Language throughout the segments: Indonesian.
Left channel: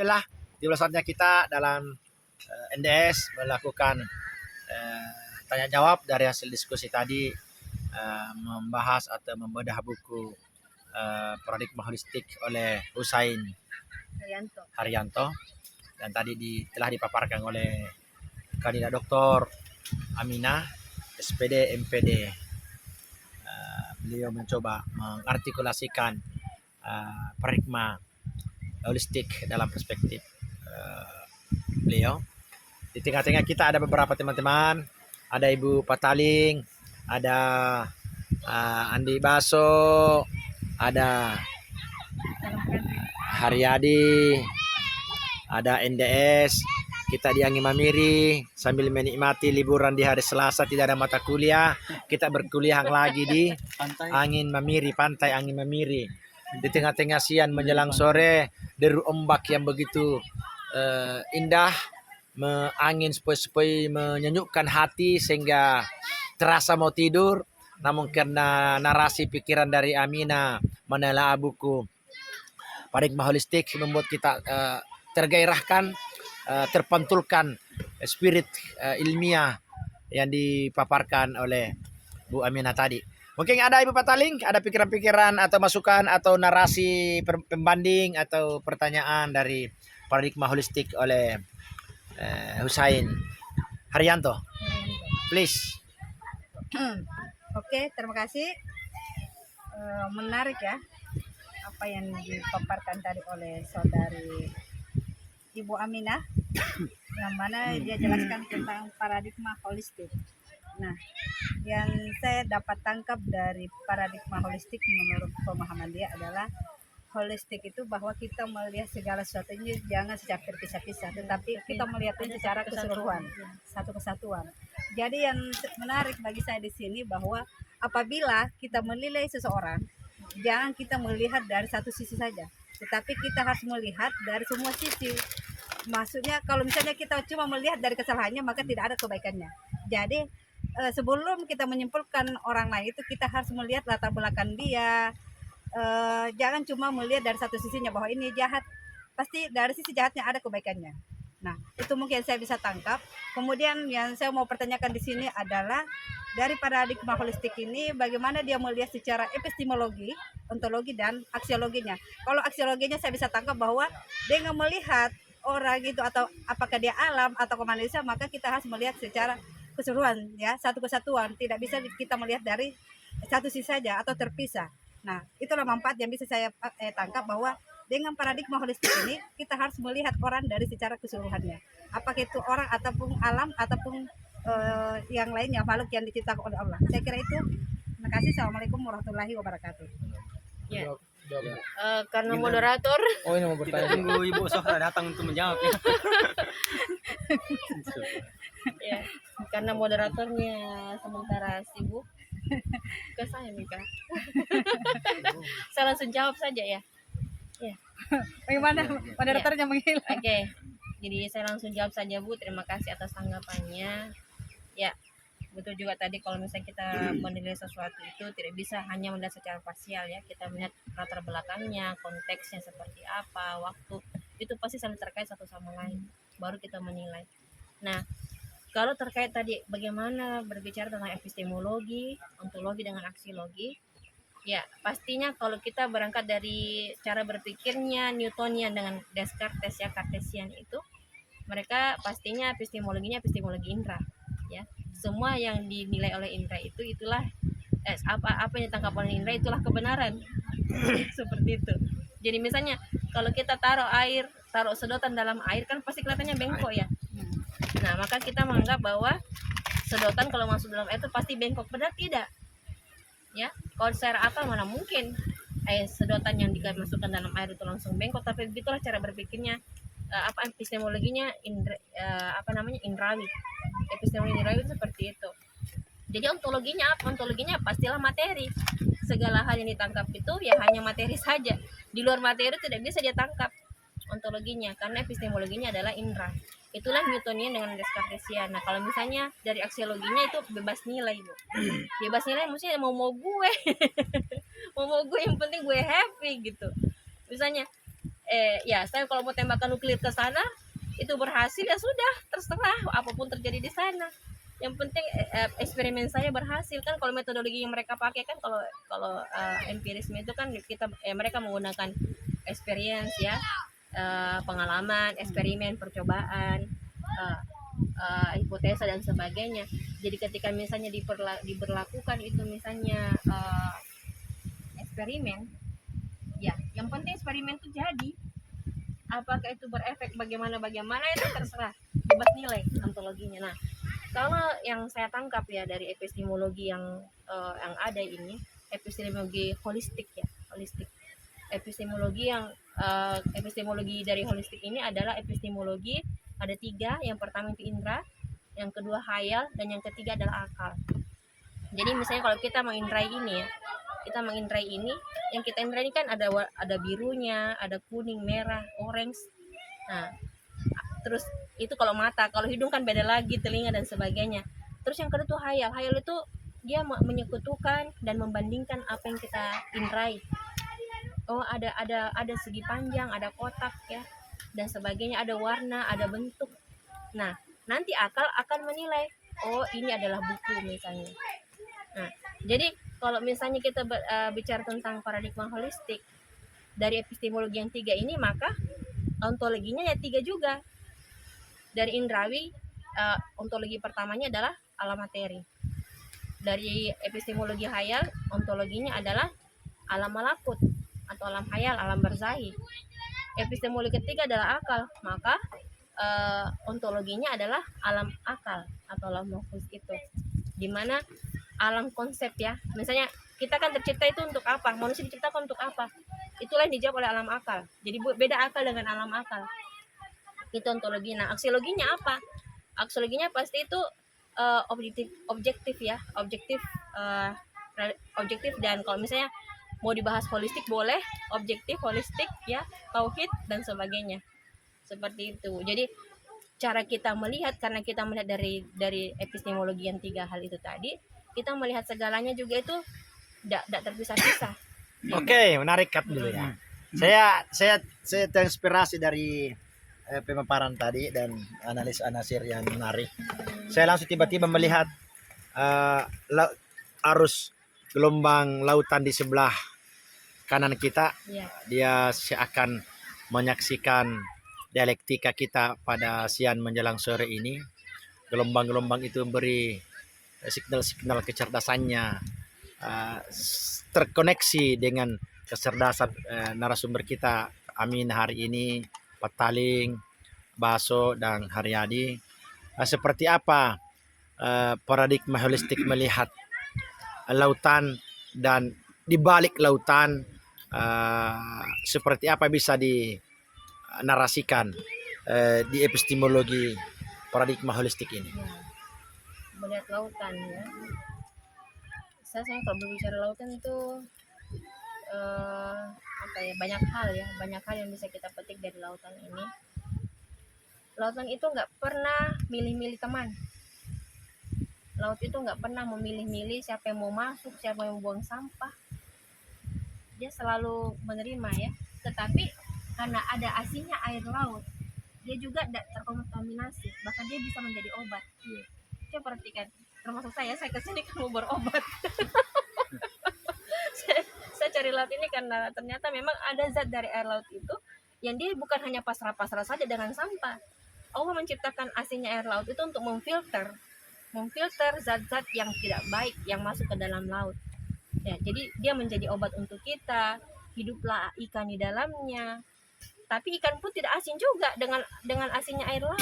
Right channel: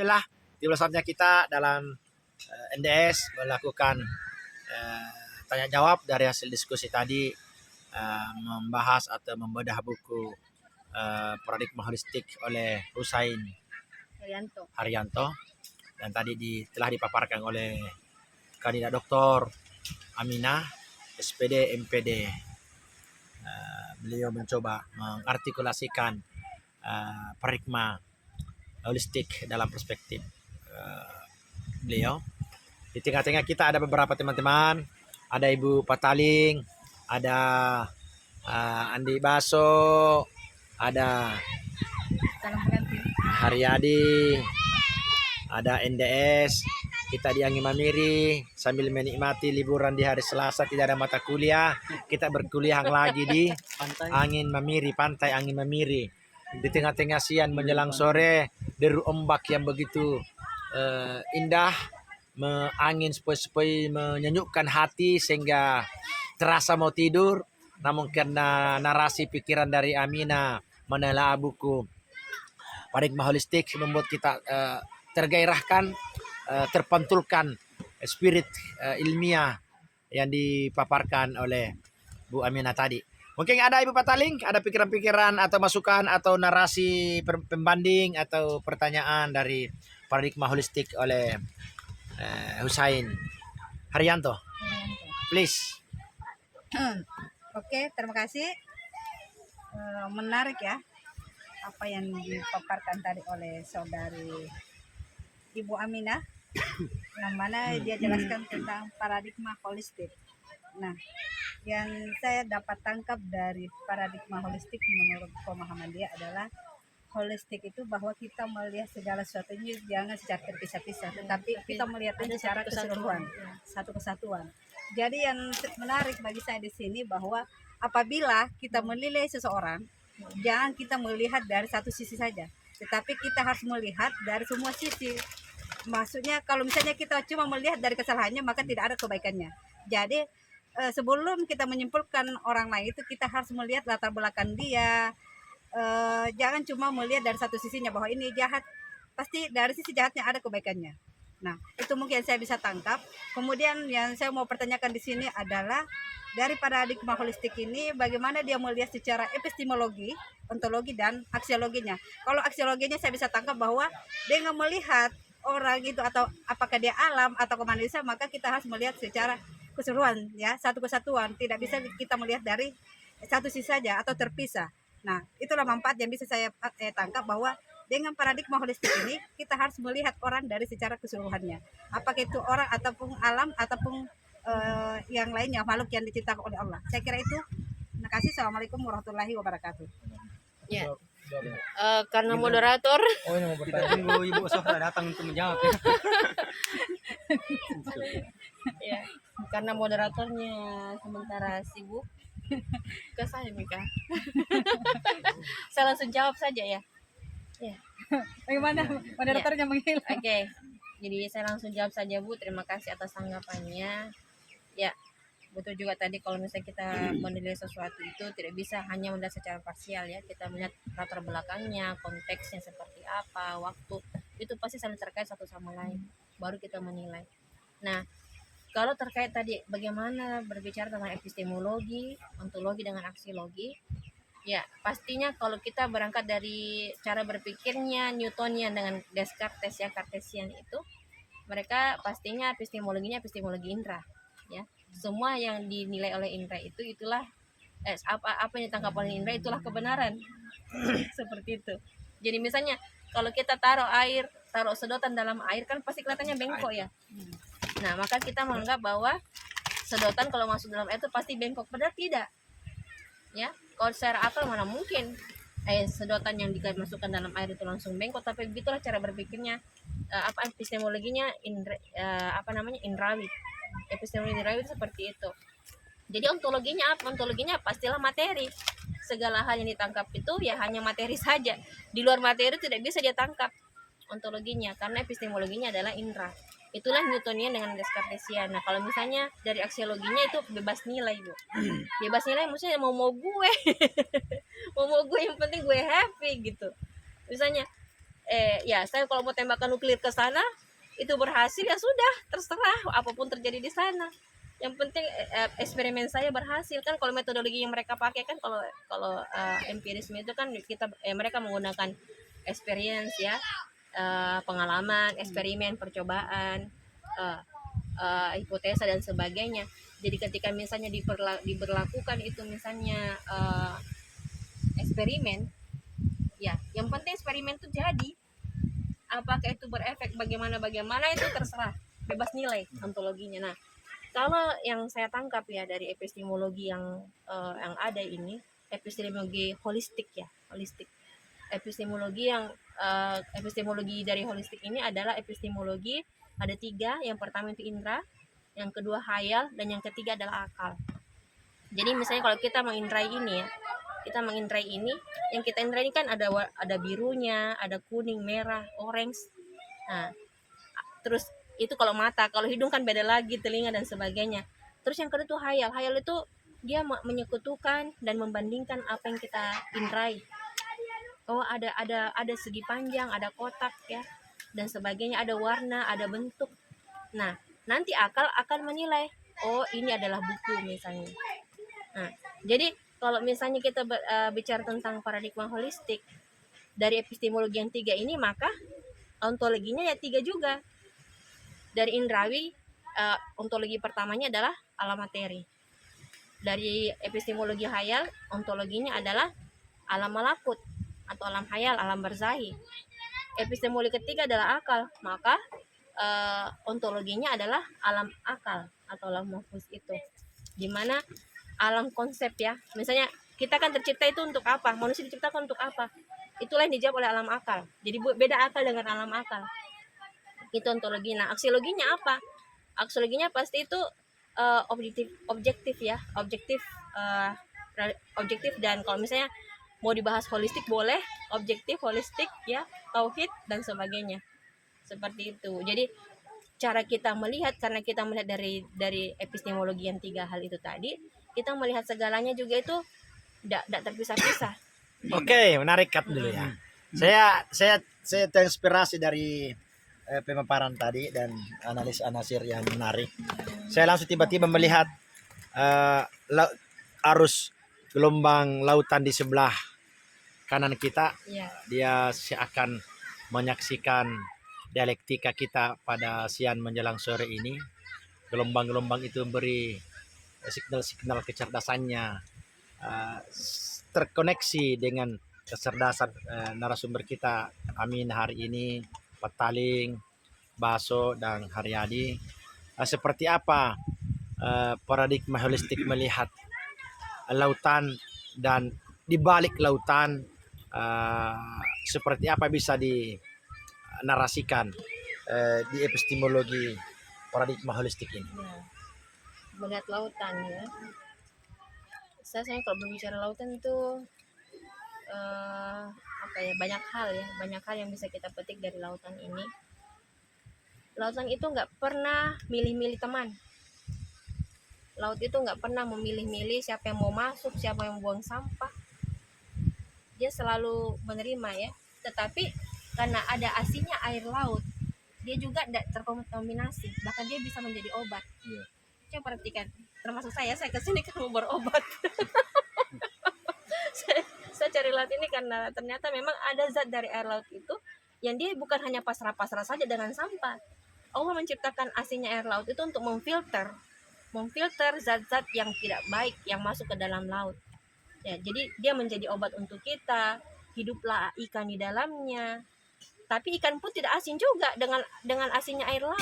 Itulah di saatnya kita dalam NDS melakukan tanya jawab dari hasil diskusi tadi, membahas atau membedah buku paradigma holistik oleh Husain Haryanto, dan tadi telah dipaparkan oleh kandidat doktor Aminah SPD MPD. Beliau mencoba mengartikulasikan paradigma holistik dalam perspektif beliau. Di tengah-tengah kita ada beberapa teman-teman, ada Ibu Pataling, ada Andi Baso, ada Haryadi, ada NDS. Kita di Angin Mamiri sambil menikmati liburan di hari Selasa, tidak ada mata kuliah. Kita berkuliah lagi di Angin Mamiri, pantai Angin Mamiri. Di tengah-tengah siang menjelang sore, deru ombak yang begitu indah, angin sepoi-sepoi menyenyukkan hati sehingga terasa mau tidur. Namun karena narasi pikiran dari Amina menelaah buku paradigma holistik membuat kita tergairahkan, terpantulkan spirit ilmiah yang dipaparkan oleh Bu Amina tadi. Mungkin ada Ibu Pataling, ada pikiran-pikiran atau masukan atau narasi pembanding atau pertanyaan dari paradigma holistik oleh Husain Haryanto. Please. Oke, terima kasih. Menarik ya apa yang dipaparkan tadi oleh saudari Ibu Aminah, yang mana dia jelaskan tentang paradigma holistik. Nah, yang saya dapat tangkap dari paradigma holistik menurut pemahaman dia adalah holistik itu bahwa kita melihat segala sesuatunya jangan secara terpisah-pisah, tetapi kita melihatnya secara keseluruhan, satu kesatuan. Jadi yang menarik bagi saya di sini bahwa apabila kita menilai seseorang, jangan kita melihat dari satu sisi saja, tetapi kita harus melihat dari semua sisi. Maksudnya kalau misalnya kita cuma melihat dari kesalahannya, maka tidak ada kebaikannya. Jadi sebelum kita menyimpulkan orang lain itu, kita harus melihat latar belakang dia. Jangan cuma melihat dari satu sisinya bahwa ini jahat, pasti dari sisi jahatnya ada kebaikannya. Nah, itu mungkin saya bisa tangkap. Kemudian yang saya mau pertanyakan di sini adalah dari paradigma holistik ini bagaimana dia melihat secara epistemologi, ontologi dan aksiologinya. Kalau aksiologinya saya bisa tangkap bahwa dengan melihat orang itu atau apakah dia alam atau manusia, maka kita harus melihat secara keseluruhan ya, satu kesatuan. Tidak bisa kita melihat dari satu sisi saja atau terpisah. Nah, itulah manfaat yang bisa saya tangkap bahwa dengan paradigma holistik ini kita harus melihat orang dari secara keseluruhannya. Apakah itu orang ataupun alam ataupun yang lainnya, makhluk yang diciptakan oleh Allah. Saya kira itu. Terima kasih. Assalamualaikum warahmatullahi wabarakatuh. Ya. Karena moderator. Oh, ini mau bertanya. Tunggu Ibu Sofra datang untuk menjawab. Ya, karena moderatornya sementara sibuk, ke saya Mika. Saya langsung jawab saja ya. Ya. Bagaimana moderatornya menghilang? Oke. Jadi saya langsung jawab saja Bu. Terima kasih atas tanggapannya. Ya, betul juga tadi kalau misalnya kita menilai sesuatu itu tidak bisa hanya melihat secara parsial ya. Kita melihat latar belakangnya, konteksnya seperti apa, waktu. Itu pasti saling terkait satu sama lain. Baru kita menilai. Nah, kalau terkait tadi bagaimana berbicara tentang epistemologi, ontologi dengan aksiologi, ya pastinya kalau kita berangkat dari cara berpikirnya Newtonian dengan Descartes ya, Cartesian itu, mereka pastinya epistemologinya epistemologi indera ya. Semua yang dinilai oleh indera itu itulah apa yang ditangkap oleh indera itulah kebenaran. Seperti itu. Jadi misalnya kalau kita taruh sedotan dalam air kan pasti kelihatannya bengkok ya. Nah, maka kita menganggap bahwa sedotan kalau masuk dalam air itu pasti bengkok, padahal tidak. Ya, kalau secara akal mana mungkin sedotan yang dimasukkan dalam air itu langsung bengkok, tapi begitulah cara berpikirnya epistemologinya indrawi. Epistemologi indrawi itu seperti itu. Jadi ontologinya apa? Ontologinya pastilah materi. Segala hal yang ditangkap itu ya hanya materi saja. Di luar materi tidak bisa dia tangkap ontologinya, karena epistemologinya adalah indera. Itulah Newtonian dengan Descartesian. Nah, kalau misalnya dari aksiologinya itu bebas nilai, Bu. Bebas nilai maksudnya mau gue. Mau gue yang penting gue happy gitu. Misalnya ya saya kalau mau tembakan nuklir ke sana itu berhasil ya sudah, terserah apapun terjadi di sana. Yang penting eksperimen saya berhasil kan. Kalau metodologi yang mereka pakai kan, kalau kalau empirisme itu kan mereka menggunakan experience ya, pengalaman, eksperimen, percobaan, hipotesa dan sebagainya. Jadi ketika misalnya diberlakukan itu misalnya eksperimen, ya yang penting eksperimen itu jadi. Apakah itu berefek bagaimana itu terserah, bebas nilai ontologinya. Nah, kalau yang saya tangkap ya dari epistemologi yang ada ini, epistemologi holistik ya, holistik. Epistemologi dari holistik ini adalah epistemologi ada 3. Yang pertama itu indera, yang kedua hayal, dan yang ketiga adalah akal. Jadi misalnya kalau kita mengindrai ini ya, yang kita indrai ini kan ada birunya, ada kuning, merah, orange. Nah, terus itu kalau mata, kalau hidung kan beda lagi, telinga dan sebagainya. Terus yang kedua tuh hayal. Hayal itu dia menyekutukan dan membandingkan apa yang kita indrai. Oh, ada segi panjang, ada kotak ya, dan sebagainya, ada warna, ada bentuk. Nah, nanti akal akan menilai, oh ini adalah buku misalnya. Nah, jadi kalau misalnya kita bicara tentang paradigma holistik dari epistemologi yang 3 ini, maka ontologinya ya 3 juga. Dari indrawi, ontologi pertamanya adalah alam materi. Dari epistemologi hayal, ontologinya adalah alam malakut atau alam hayal, alam barzakhi. Epistemologi ketiga adalah akal, maka ontologinya adalah alam akal atau alam nafus itu, dimana alam konsep ya. Misalnya kita kan tercipta itu untuk apa, manusia diciptakan untuk apa, itulah yang dijawab oleh alam akal. Jadi beda akal dengan alam akal, itu ontologi. Nah, aksiologinya apa? Aksiologinya pasti itu objektif ya, objektif dan kalau misalnya mau dibahas holistik boleh, objektif, holistik ya, tauhid dan sebagainya, seperti itu. Jadi cara kita melihat, karena kita melihat dari epistemologi yang 3 hal itu tadi, kita melihat segalanya juga itu tidak terpisah-pisah. Oke, menarik Kat dulu ya. Saya terinspirasi dari pemaparan tadi dan analis anasir yang menarik. Saya langsung tiba-tiba melihat arus gelombang lautan di sebelah kanan kita. Ya. Dia seakan menyaksikan dialektika kita pada siang menjelang sore ini. Gelombang-gelombang itu memberi signal-signal kecerdasannya, terkoneksi dengan kecerdasan narasumber kita Amin hari ini, Pataling, Baso, dan Haryadi. Seperti apa paradigma holistik melihat lautan, dan di balik lautan seperti apa bisa dinarasikan di epistemologi paradigma holistik ini. Melihat lautan ya, saya kalau berbicara lautan itu banyak hal yang bisa kita petik dari lautan ini. Lautan itu nggak pernah milih-milih teman. Laut itu nggak pernah memilih-milih siapa yang mau masuk, siapa yang buang sampah. Dia selalu menerima ya. Tetapi karena ada asinnya air laut, dia juga tidak terkontaminasi, bahkan dia bisa menjadi obat. Coba perhatikan, termasuk saya kesini kamu berobat. saya cari laut ini karena ternyata memang ada zat dari air laut itu yang dia bukan hanya pasrah-pasrah saja dengan sampah. Allah menciptakan asinnya air laut itu untuk memfilter zat-zat yang tidak baik yang masuk ke dalam laut. Ya, jadi dia menjadi obat untuk kita. Hiduplah ikan di dalamnya. Tapi ikan pun tidak asin juga dengan asinnya air laut.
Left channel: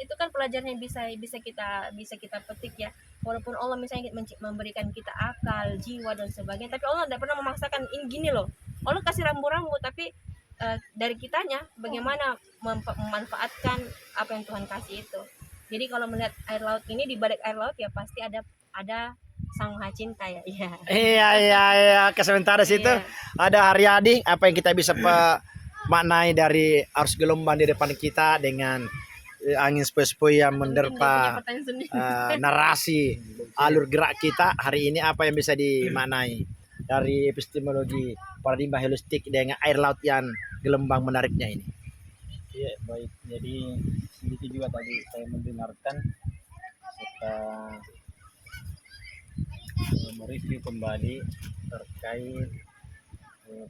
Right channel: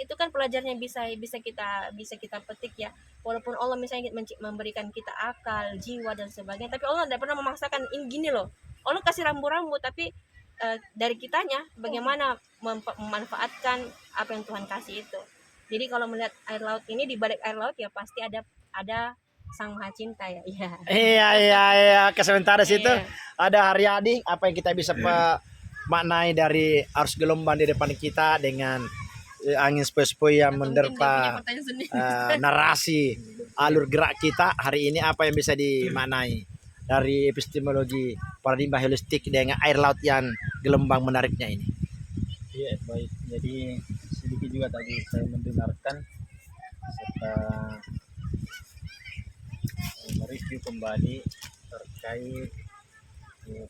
Itu kan pelajarannya bisa kita petik ya. Walaupun Allah misalnya memberikan kita akal, jiwa dan sebagainya, tapi Allah tidak pernah memaksakan ini gini loh. Allah kasih rambu-rambu, tapi dari kitanya bagaimana memanfaatkan apa yang Tuhan kasih itu. Jadi kalau melihat air laut ini, di balik air laut ya pasti ada Sang Maha Cinta ya. Iya. Sementara situ Iya. ada Haryadi, apa yang kita bisa maknai dari arus gelombang di depan kita dengan angin sepoi-sepoi yang menerpa narasi alur gerak kita hari ini, apa yang bisa dimaknai dari epistemologi paradigma holistik dengan air laut yang gelombang menariknya ini? Iya, baik. Jadi sedikit juga tadi saya mendengarkan serta mereview kembali terkait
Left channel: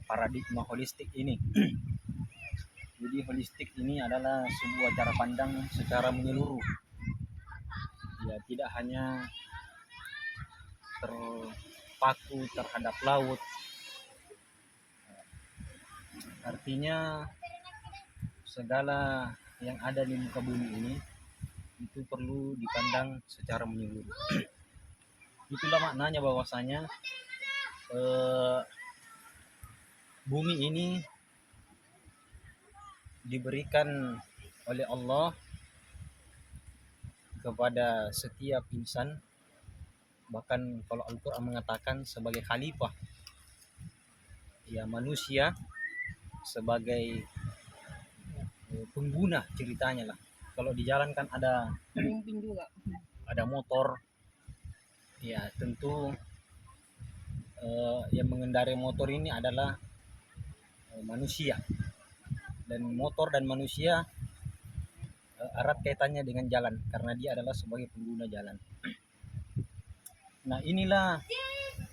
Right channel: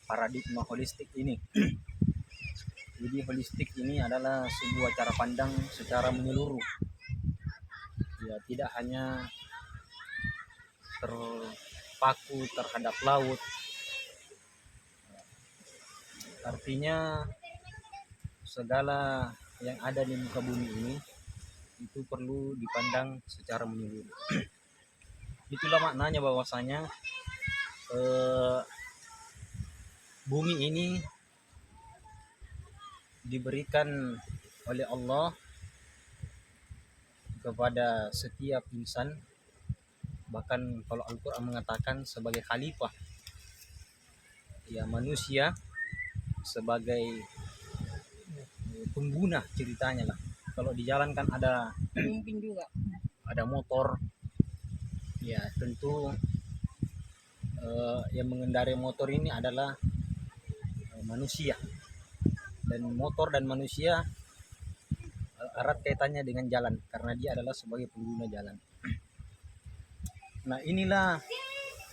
paradigma holistik ini. Jadi holistik ini adalah sebuah cara pandang secara menyeluruh. Ya, tidak hanya terpaku terhadap laut. Artinya segala yang ada di muka bumi ini itu perlu dipandang secara menyeluruh. Itulah maknanya bahwasanya bumi ini diberikan oleh Allah kepada setiap insan, bahkan kalau Al-Quran mengatakan sebagai khalifah, ya manusia sebagai pengguna ceritanya lah. Kalau di jalan kan ada Pemimpin juga. motor, ya tentu yang mengendarai motor ini adalah manusia, dan motor dan manusia erat kaitannya dengan jalan karena dia adalah sebagai pengguna jalan. Nah, inilah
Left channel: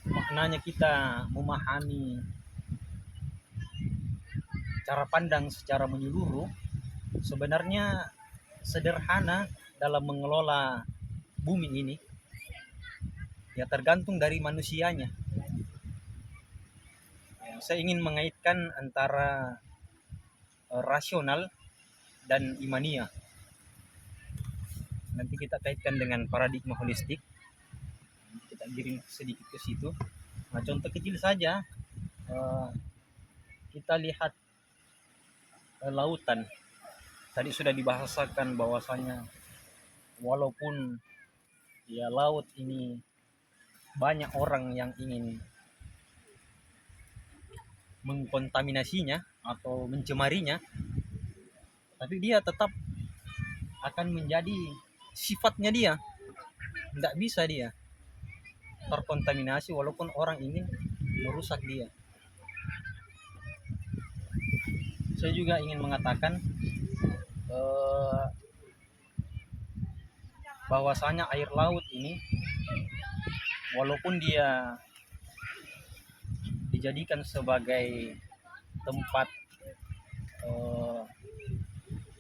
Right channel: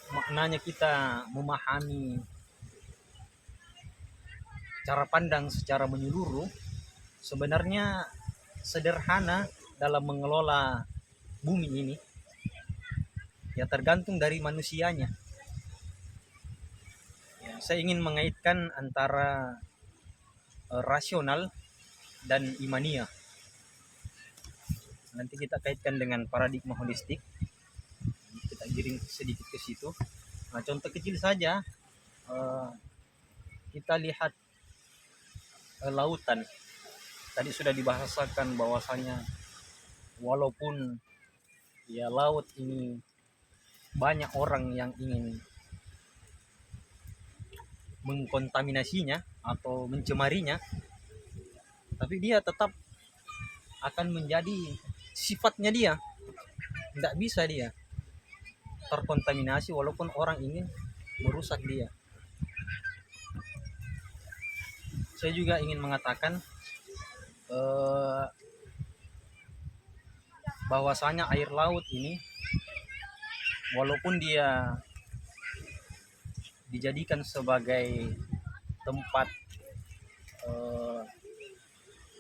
maknanya kita memahami cara pandang secara menyeluruh. Sebenarnya sederhana dalam mengelola bumi ini, ya tergantung dari manusianya. Ya, saya ingin mengaitkan antara rasional dan imania. Nanti kita kaitkan dengan paradigma holistik. Kita giring sedikit ke situ. Nah, contoh kecil saja, kita lihat lautan. Tadi sudah dibahasakan bahwasanya walaupun ya laut ini banyak orang yang ingin mengkontaminasinya atau mencemarinya, tapi dia tetap akan menjadi sifatnya dia. Tidak bisa dia terkontaminasi walaupun orang ingin merusak dia. Saya juga ingin mengatakan bahwasanya air laut ini walaupun dia dijadikan sebagai tempat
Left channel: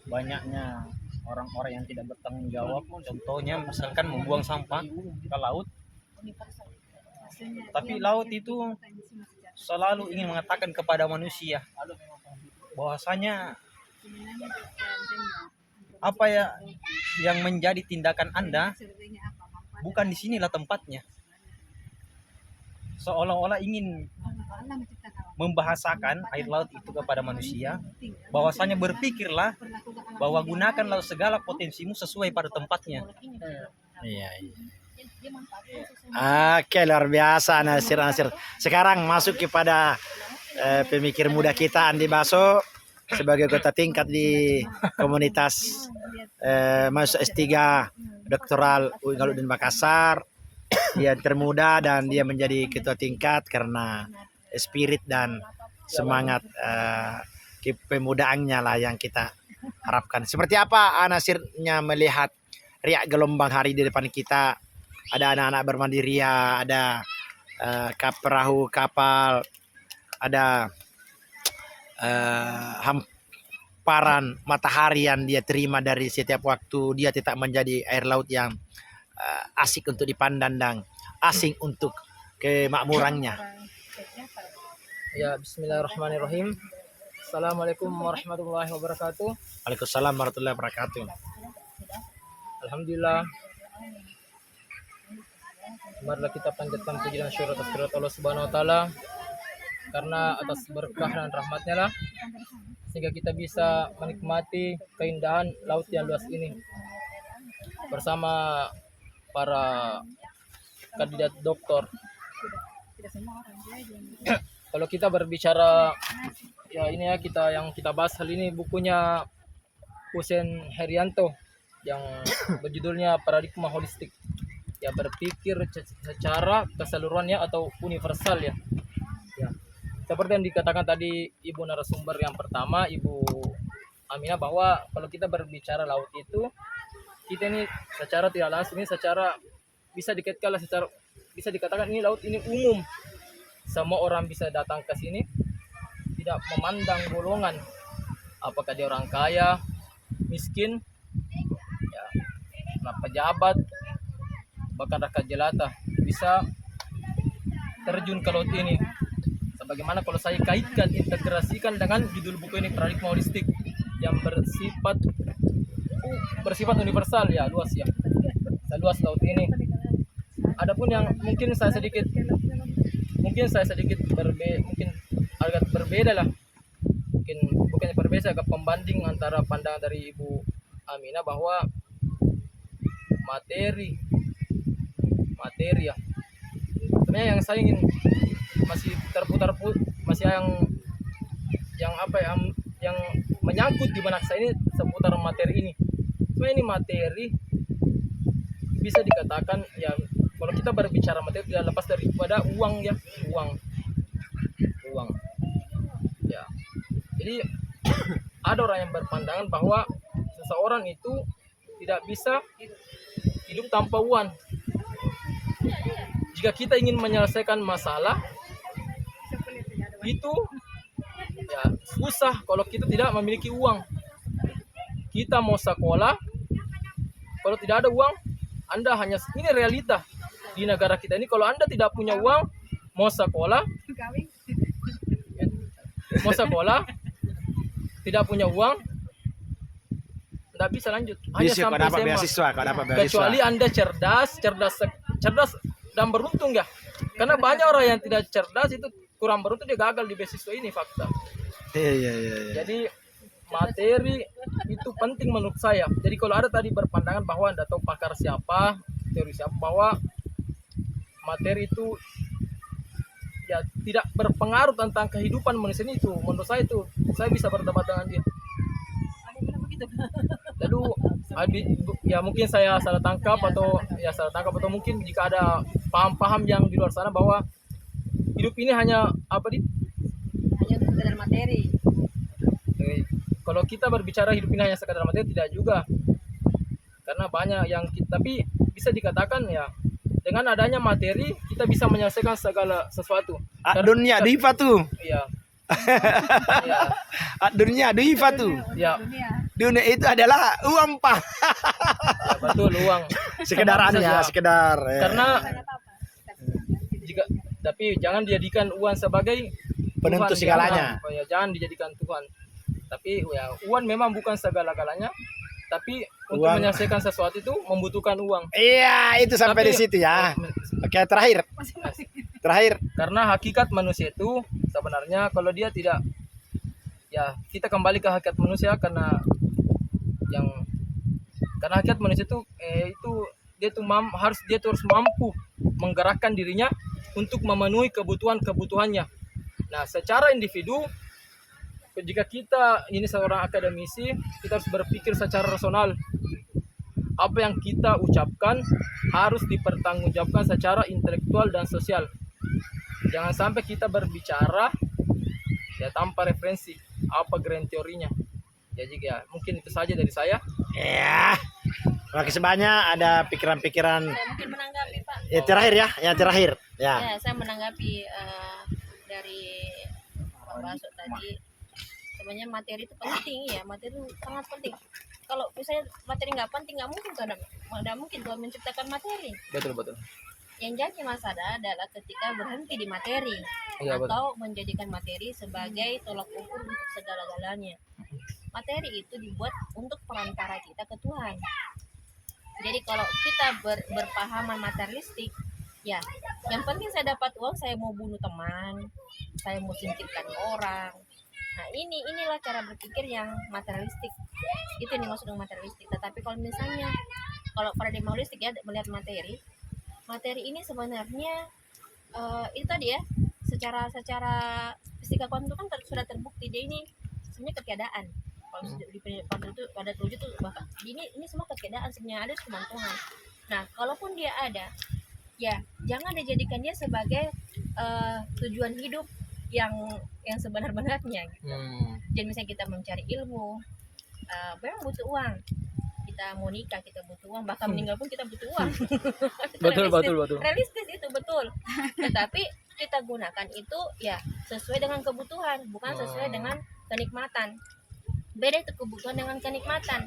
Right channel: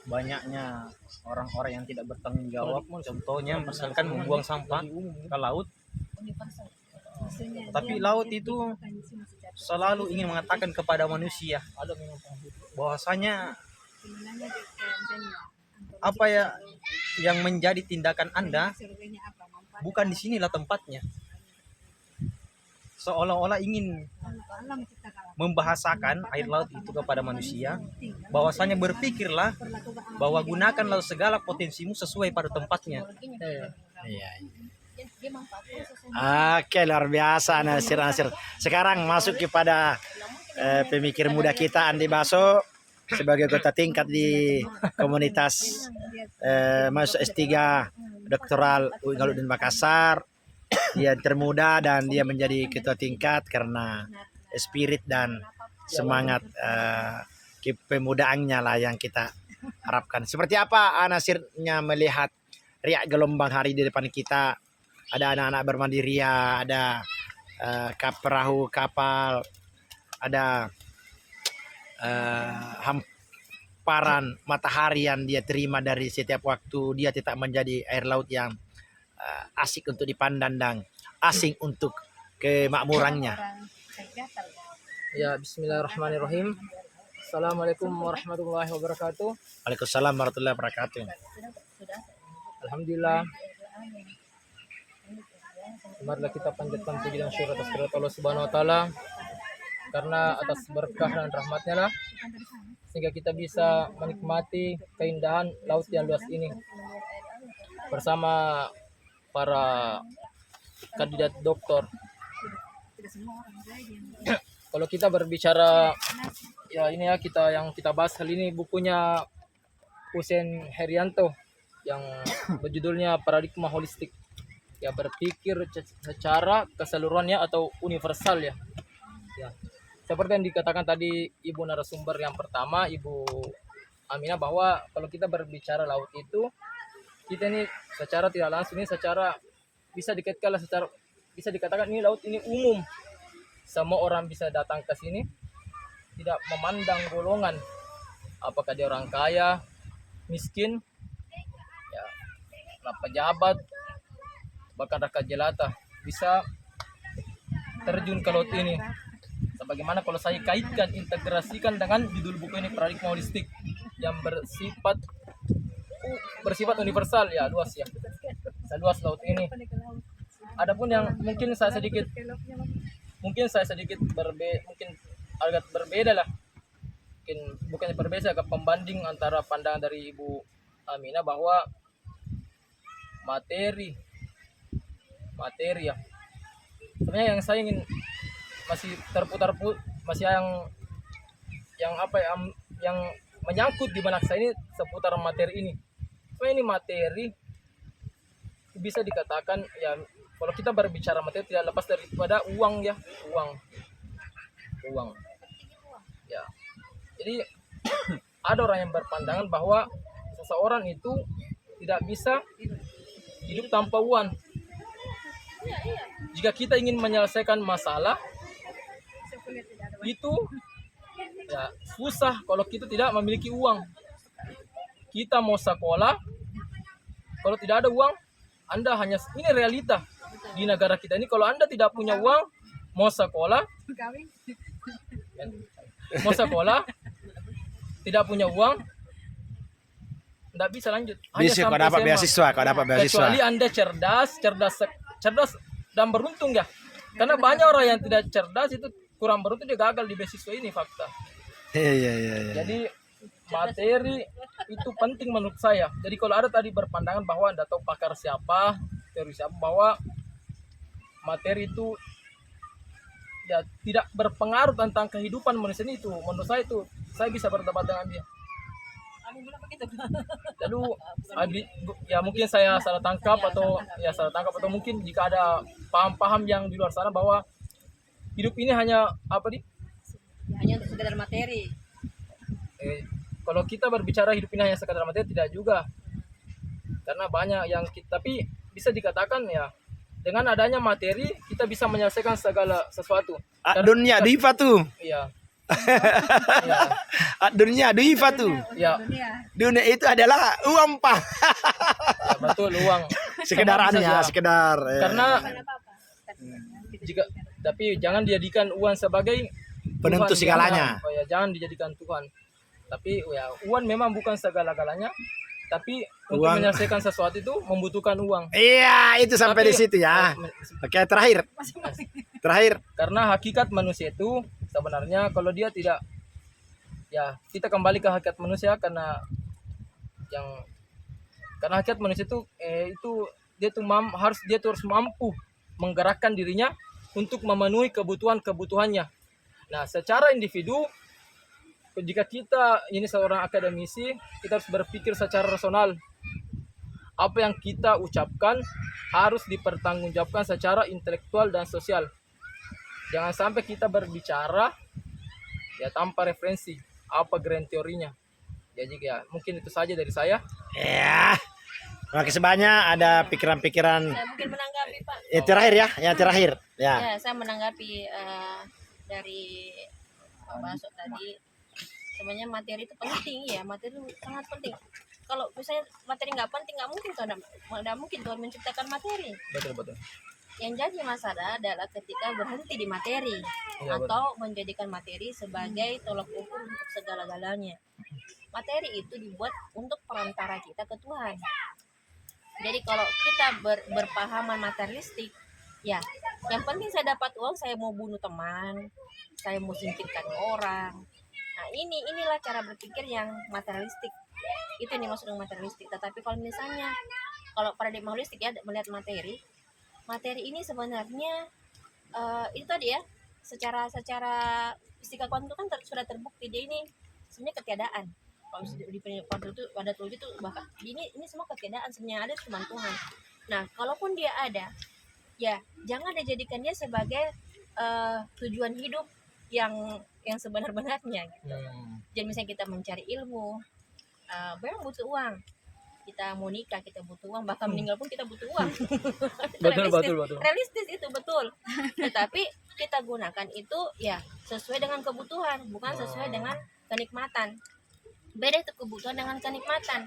banyaknya orang-orang yang tidak bertanggung jawab, contohnya misalkan membuang sampah ke laut, tapi laut itu selalu ingin mengatakan kepada manusia bahwasanya apa ya yang menjadi tindakan Anda bukan di sinilah tempatnya. Seolah-olah ingin membahasakan air laut itu kepada manusia bahwasanya berpikirlah bahwa gunakanlah segala potensimu sesuai pada tempatnya. Iya. Oke, luar biasa Nasir. Sekarang masuk kepada pemikir muda kita, Andi Baso, sebagai kota tingkat di komunitas mahasiswa S3 doktoral UIN Makassar. Dia termuda dan dia menjadi ketua tingkat karena spirit dan semangat kepemudaannya lah yang kita harapkan. Seperti apa Nasirnya melihat riak gelombang hari di depan kita? Ada anak-anak bermandiria, ada perahu kapal, ada hamparan matahari yang dia terima dari setiap waktu. Dia tetap menjadi air laut yang asik untuk dipandang dan asing untuk kemakmurannya. Ya, bismillahirrahmanirrahim. Assalamualaikum warahmatullahi wabarakatuh. Waalaikumsalam warahmatullahi wabarakatuh. Alhamdulillah. Marilah kita panjatkan puji dan syukur atas kehadirat Allah Subhanahu wa taala, karena atas berkah dan rahmatnya lah sehingga kita bisa menikmati keindahan laut yang luas ini bersama para kandidat doktor. Kalau kita berbicara ya ini ya, kita bahas hal ini bukunya Hussein Herianto yang berjudulnya Paradigma Holistik. Ya, berpikir secara keseluruhannya atau universal ya. Ya. Seperti yang dikatakan tadi Ibu narasumber yang pertama, Ibu Aminah, bahwa kalau kita berbicara laut itu, kita ini secara tidak langsung ini secara bisa dikaitkan secara bisa dikatakan ini laut ini umum. Semua orang bisa datang ke sini, tidak memandang golongan, apakah dia orang kaya, miskin, ya, pejabat, bahkan rakyat jelata bisa terjun ke laut ini. Sebagaimana kalau saya kaitkan, integrasikan dengan judul buku ini, paradigma holistik yang bersifat universal, ya luas ya, seluas laut ini. Adapun yang mungkin saya sedikit mungkin agak berbeda lah, mungkin bukannya berbeda, agak pembanding antara pandangan dari Ibu Aminah bahwa materi ya, sebenarnya yang saya ingin masih masih yang menyangkut di benak saya ini seputar materi ini. Sebenarnya ini materi bisa dikatakan ya, kalau kita berbicara materi tidak lepas daripada uang ya, uang ya. Jadi ada orang yang berpandangan bahwa seseorang itu tidak bisa hidup tanpa uang. Jika kita ingin menyelesaikan masalah itu ya susah kalau kita tidak memiliki uang. Kita mau sekolah, kalau tidak ada uang, Anda hanya, ini realita di negara kita ini, kalau Anda tidak punya uang, mau sekolah tidak punya uang, tidak bisa lanjut, hanya Bisa kau sampai dapat SMA. beasiswa, kau dapat beasiswa. Kecuali Anda cerdas dan beruntung ya. Karena banyak orang yang tidak cerdas itu kurang beruntung, dia gagal di beasiswa ini, fakta. Iya. Jadi materi itu penting menurut saya. Jadi kalau ada tadi berpandangan bahwa Anda tahu pakar siapa, teori siapa, bahwa materi itu ya tidak berpengaruh tentang kehidupan manusia itu, menurut saya itu, saya bisa berdebat dengan dia. Lalu ya mungkin saya salah tangkap atau mungkin jika ada paham-paham yang di luar sana bahwa hidup ini hanya Hanya untuk sekedar materi. Kalau kita berbicara hidup ini hanya sekadar materi, tidak juga, karena banyak yang tapi bisa dikatakan ya, dengan adanya materi kita bisa menyelesaikan segala sesuatu. Dunia diva tuh. Iya. Dunia diva tuh. Ya, Dunia itu adalah uang, Pak. ya betul, uang. Sekedarannya, sekedar. Karena tapi jangan dijadikan uang sebagai Penentu Tuhan, segalanya. Ya, jangan dijadikan Tuhan. Tapi ya uang memang bukan segala-galanya. Tapi untuk Uang. menyelesaikan sesuatu itu membutuhkan uang. Iya, itu sampai Tapi- di situ ya. Oke, terakhir. Karena hakikat manusia itu sebenarnya kalau dia tidak, ya kita kembali ke hakikat manusia, karena hakikat manusia itu dia tuh harus mampu menggerakkan dirinya untuk memenuhi kebutuhannya. Nah, secara individu, jika kita ini seorang akademisi, kita harus berpikir secara rasional. Apa yang kita ucapkan harus dipertanggungjawabkan secara intelektual dan sosial. Jangan sampai kita berbicara ya tanpa referensi apa grand teorinya. Jadi ya mungkin itu saja dari saya. Ya. Terima kasih banyak, ada pikiran-pikiran. Saya mungkin menanggapi, Pak. Terakhir ya, yang terakhir. Ya. Ya, saya menanggapi dari Pak Baso tadi. Sebenarnya materi itu penting ya, materi itu sangat penting. Kalau misalnya materi nggak penting, nggak mungkin Tuhan menciptakan materi. Betul. Yang jadi masalah adalah ketika berhenti di materi, Iya, atau menjadikan materi sebagai tolak ukur untuk segala-galanya. Materi itu dibuat untuk perantara kita ke Tuhan. Jadi kalau kita berpahaman materialistik, ya yang penting saya dapat uang, saya mau bunuh teman, saya mau singkirkan orang. Nah inilah cara berpikir yang materialistik. Itu yang dimaksud dengan materialistik. Tetapi kalau misalnya kalau paradigma holistik ya, melihat materi ini sebenarnya itu tadi ya, secara fisika kuantum kan sudah terbukti dia ini sebenarnya ketiadaan. Kalau pada tujuh itu bahkan ini semua ketiadaan, sebenarnya ada cuma Tuhan. Nah, kalaupun dia ada, ya jangan dijadikan dia sebagai tujuan hidup yang sebenar-benarnya gitu. Jadi misalnya kita mencari ilmu, memang butuh uang. Kita mau nikah kita butuh uang, bahkan meninggal pun kita butuh uang. Itu Betul. realistis itu betul. Tetapi kita gunakan itu ya sesuai dengan kebutuhan, bukan sesuai dengan kenikmatan. Beda itu kebutuhan dengan kenikmatan.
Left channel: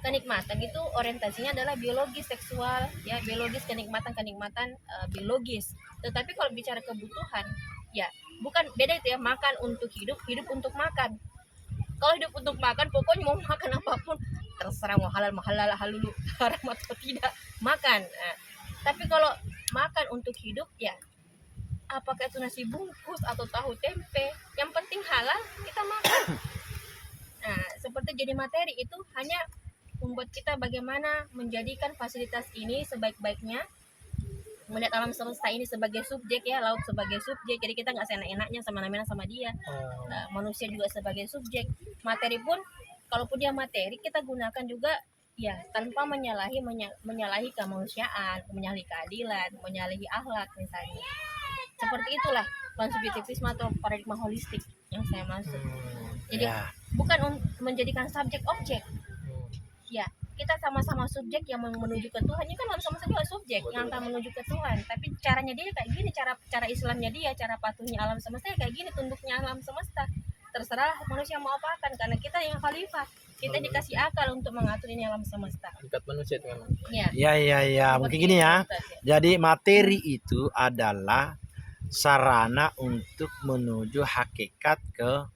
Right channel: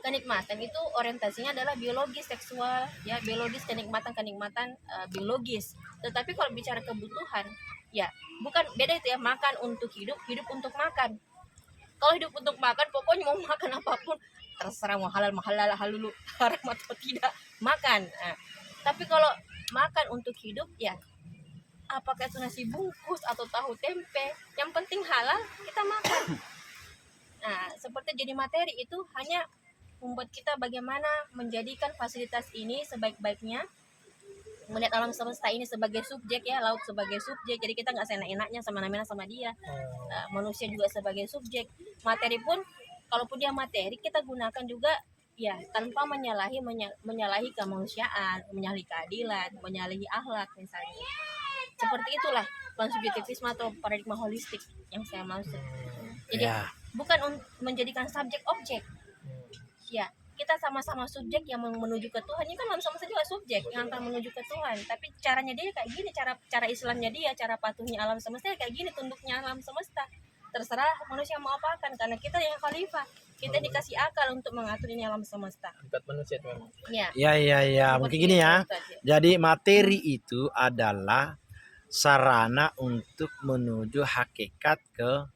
Kenikmatan itu orientasinya adalah biologis, seksual, ya biologis, kenikmatan biologis. Tetapi kalau bicara kebutuhan, ya bukan, beda itu ya, makan untuk hidup, hidup untuk makan. Kalau hidup untuk makan, pokoknya mau makan apapun terserah, mau halal halulu, haram atau tidak, makan. Nah, tapi kalau makan untuk hidup, ya apakah itu nasi bungkus atau tahu tempe, yang penting halal kita makan. Nah, seperti jadi materi itu hanya membuat kita bagaimana menjadikan fasilitas ini sebaik-baiknya, melihat alam semesta ini sebagai subjek, ya laut sebagai subjek, jadi kita nggak seenak-enaknya sama dia. Manusia juga sebagai subjek. Materi pun, kalaupun dia materi, kita gunakan juga ya tanpa menyalahi kemanusiaan, menyalahi keadilan, menyalahi akhlak misalnya. Seperti itulah konsubjektivisme atau paradigma holistik yang saya maksud. Jadi bukan menjadikan subjek objek. Ya, kita sama-sama subjek yang menuju ke Tuhan. Ini kan sama-sama juga subjek yang akan menuju ke Tuhan. Tapi caranya dia kayak gini, cara Islamnya dia, cara patuhnya alam semesta kayak gini, tunduknya alam semesta. Terserah manusia mau apakan, karena kita yang khalifah. Kita dikasih akal untuk mengatur ini alam semesta. Tingkat manusia itu memang. Ya. Mungkin gini ya. Jadi materi itu adalah sarana untuk menuju hakikat ke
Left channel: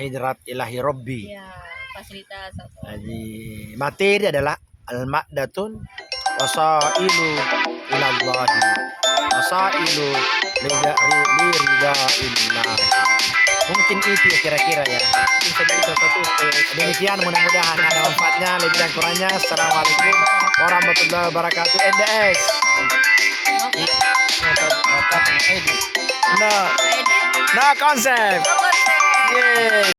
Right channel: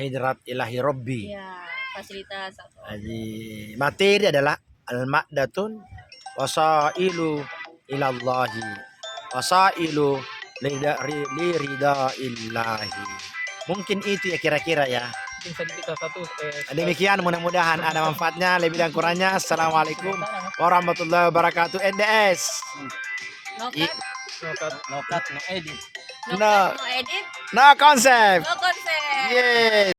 hidrat ilahi Rabbi. Ya, fasilitas atau Jadi materi adalah al-ma'datun wasailu ilallahi wasailu liridaillahi. Mungkin itu ya kira-kira ya. Demikian, mudah-mudahan ada manfaatnya. Lebih dan kurangnya, assalamualaikum warahmatullahi wabarakatuh. NDS. No concept. konsep. Yeay.